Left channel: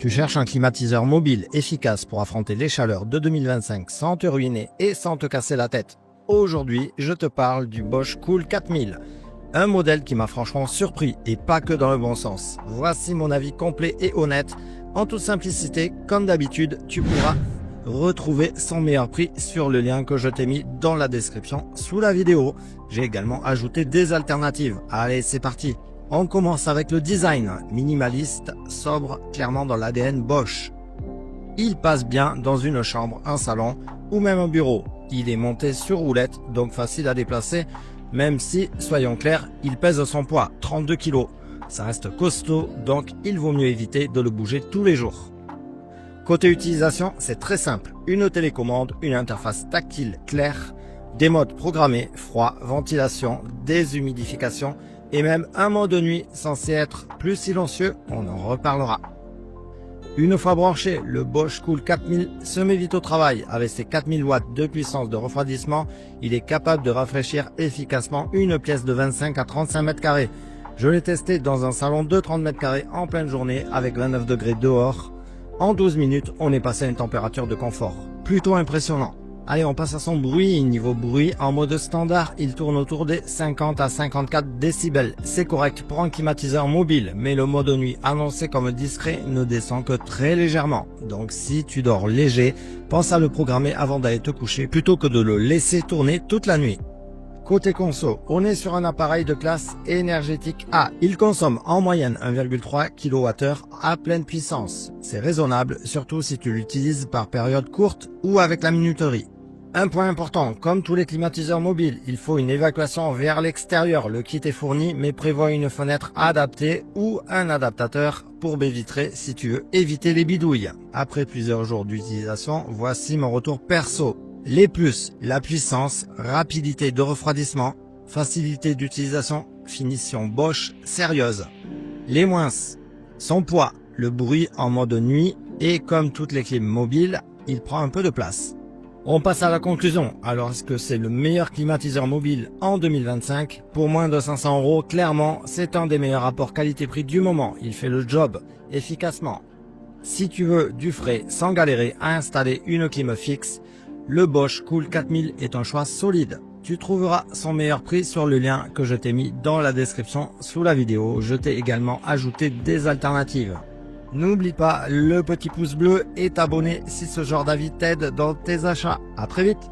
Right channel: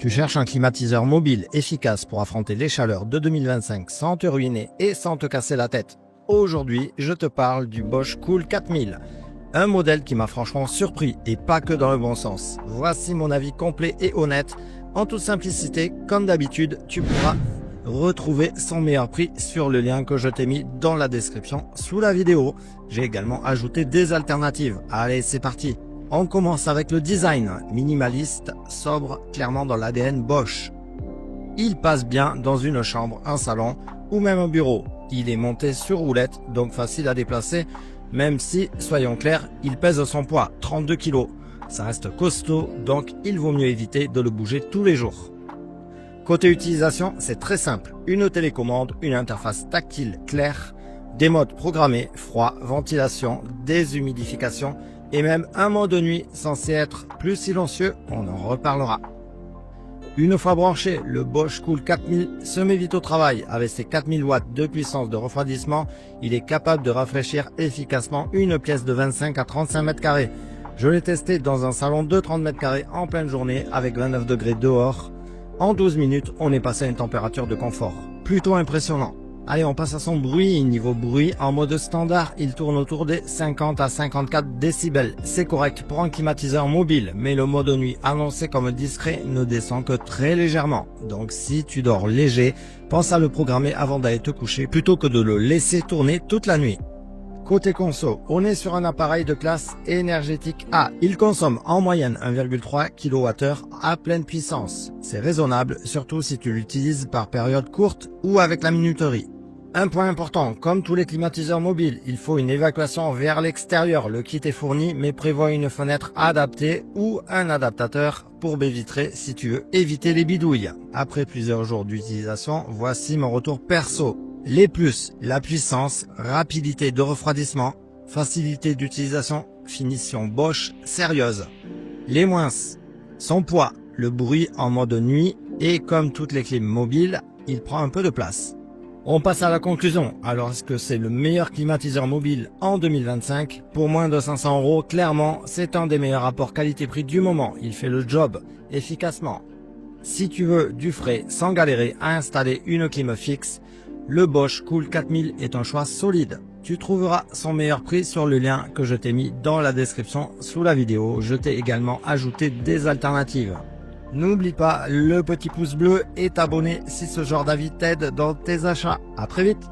Tu cherches un climatiseur mobile efficace pour affronter les chaleurs de 2025 sans te ruiner et sans te casser la tête. Aujourd'hui, je te parle du Bosch Cool 4000, un modèle qui m'a franchement surpris et pas que dans le bon sens. Voici mon avis complet et honnête. En toute simplicité, comme d'habitude, tu pourras retrouver son meilleur prix sur le lien que je t'ai mis dans la description sous la vidéo. J'ai également ajouté des alternatives. Allez, c'est parti. On commence avec le design, minimaliste, sobre, clairement dans l'ADN Bosch. Il passe bien dans une chambre, un salon ou même un bureau. Il est monté sur roulette, donc facile à déplacer, même si, soyons clairs, il pèse son poids, 32 kg. Ça reste costaud, donc il vaut mieux éviter de le bouger tous les jours. Côté utilisation, c'est très simple. Une télécommande, une interface tactile claire, des modes programmés, froid, ventilation, déshumidification, et même un mode de nuit censé être plus silencieux, on en reparlera. Une fois branché, le Bosch Cool 4000 se met vite au travail. Avec ses 4000 watts de puissance de refroidissement, il est capable de rafraîchir efficacement une pièce de 25 à 35 mètres carrés. Je l'ai testé dans un salon de 30 mètres carrés en pleine journée avec 29 degrés dehors. En 12 minutes, on est passé à une température de confort. Plutôt impressionnant. Allez, on passe à son bruit. Niveau bruit, en mode standard, il tourne autour des 50 à 54 décibels. C'est correct pour un climatiseur mobile, mais le mode nuit annoncé comme discret ne descend que très légèrement. Donc si tu dors léger, pense à le programmer avant d'aller te coucher plutôt que de le laisser tourner toute la nuit. Côté conso, on est sur un appareil de classe énergétique A. Il consomme en moyenne 1,3 kWh à pleine puissance. C'est raisonnable, surtout si tu l'utilises par période courte ou avec la minuterie. Un point important, comme tous les climatiseurs mobiles, il faut une évacuation vers l'extérieur. Le kit est fourni, mais prévoit une fenêtre adaptée ou un adaptateur pour baie vitrée si tu veux éviter les bidouilles. Après plusieurs jours d'utilisation, voici mon retour perso. Les plus, la puissance, rapidité de refroidissement, facilité d'utilisation, finition Bosch sérieuse. Les moins, son poids, le bruit en mode nuit et comme toutes les clim mobiles, il prend un peu de place. On passe à la conclusion. Alors est-ce que c'est le meilleur climatiseur mobile en 2025? Pour moins de 500 €, clairement, c'est un des meilleurs rapports qualité-prix du moment. Il fait le job efficacement. Si tu veux du frais sans galérer à installer une clim fixe, le Bosch Cool 4000 est un choix solide. Tu trouveras son meilleur prix sur le lien que je t'ai mis dans la description sous la vidéo. Je t'ai également ajouté des alternatives. N'oublie pas le petit pouce bleu et t'abonner si ce genre d'avis t'aide dans tes achats. À très vite.